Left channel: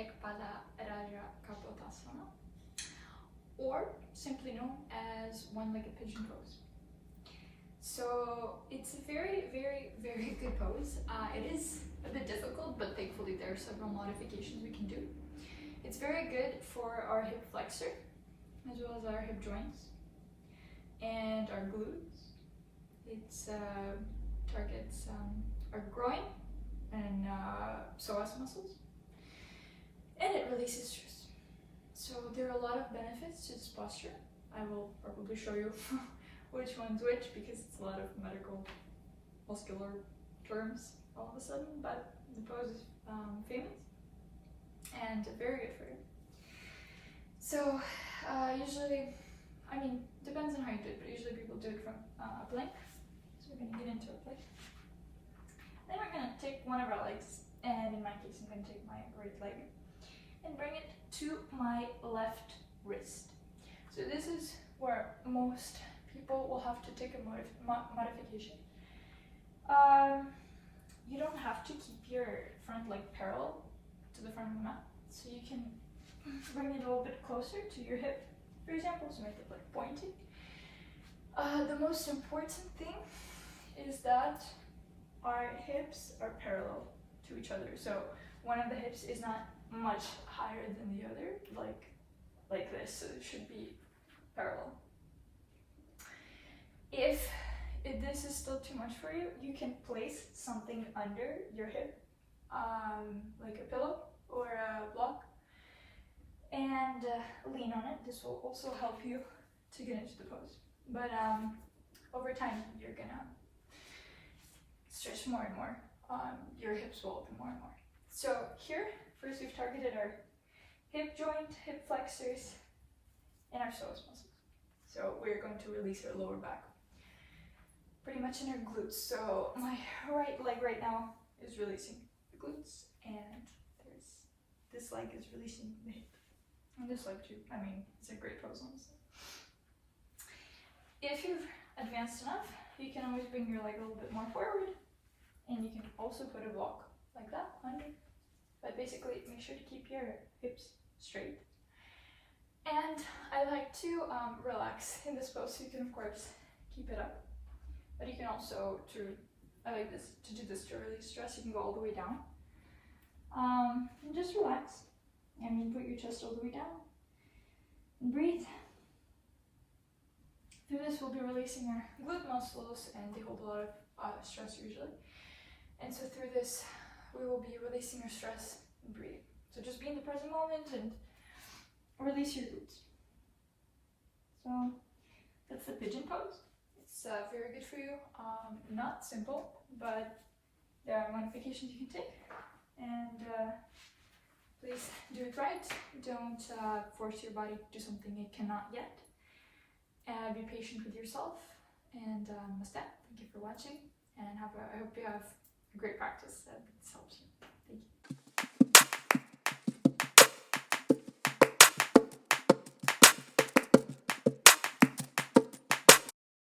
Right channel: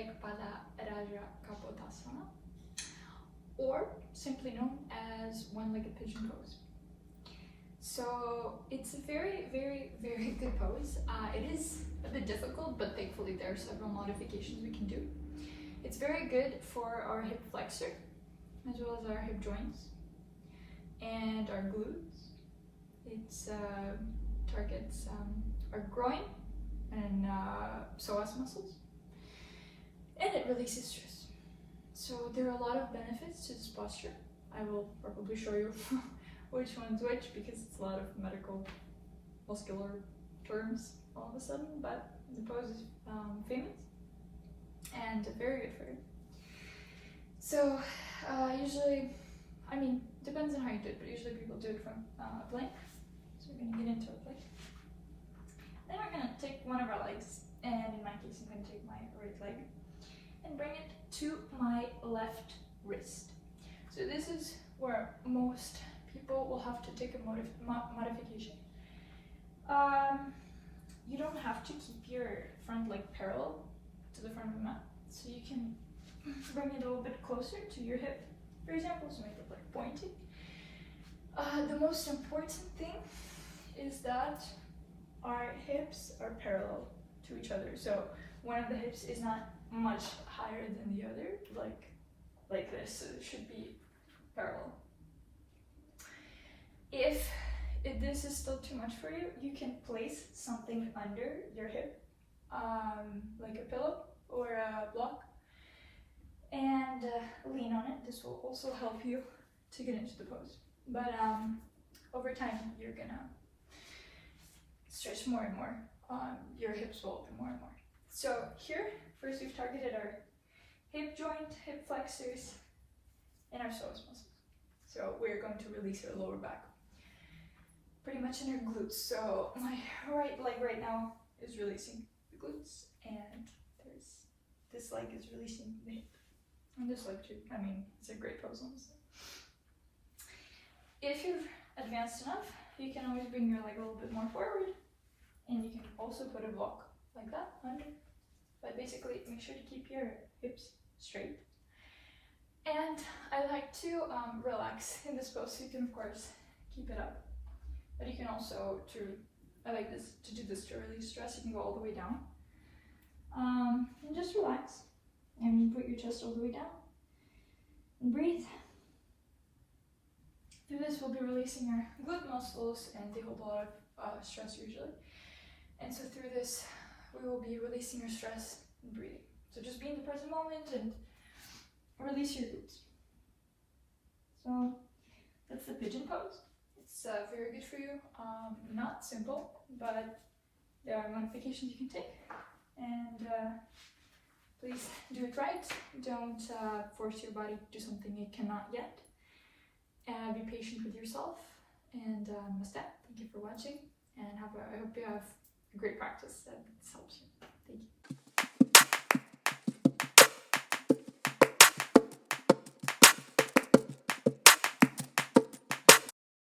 Ek Pada Kapotasana, or simply known as one-legged pigeon pose. So it's a very, very, very good pose. It is a bit difficult, but thankfully there are several modifications we can do. It's very good for our hip flexor, as well as our hip joints and our glutes. It targets our groin and psoas muscles, and it releases stress. So there are a lot of benefits to this posture. I will probably show you which one's which, because it's a lot of medical muscular terms all of a sudden, but the pose is famous and very good for you. So usually, I mean, depends on how you do it, but usually people do it from a plank. So we're gonna get into a plank. Then we're gonna take one of our legs, and in my case, I'm gonna take my right leg and bring it to my left wrist. So this is where most people will have to take a modification. You don't have to keep your front leg parallel to the front of the mat, so you can bring it a little bit closer to your hip, for example, so make it like pointing. The most important thing is that our hips are parallel to each other. So one of the hips is not much higher than the other, like this. So it should be parallel. If this is still too much for you, you can place something under your hip, like a pillow or a block, and lean on it. This will also help you to get into the pose. But over time, you're gonna stretch more and more. Your hips will open more and more. So here, first we've targeted our hip joint, hip flexors, and our psoas muscles. So we're going to release our lower back, pretty much in our glutes. So my right leg right now is releasing the glutes, and this leg is releasing the hip. And this leg too. I mean, it's a great pose, honestly. If you've advanced enough, you can always bring your leg a little bit more forward, and you can also put a block like that under. But basically, make sure to keep your hips straight. And I like to relax in this pose, so you can of course keep it up. But you can also, I like this, to do this to release stress, you can go all the way down. And just relax. And you put your chest all the way down. And breathe. Through this, we'll be releasing our glute muscles, and they hold a lot of stress usually. And so through this, we will be releasing our stress and breathing. So just be in the present moment and release your glutes. So that's the pigeon pose. It's very good for you. Not simple, but there are modifications you can take. And please do it right. Don't force your body to do something it cannot yet. Be patient with yourself. And namaste. Thank you for watching. And I hope you have a great practice that this helps you.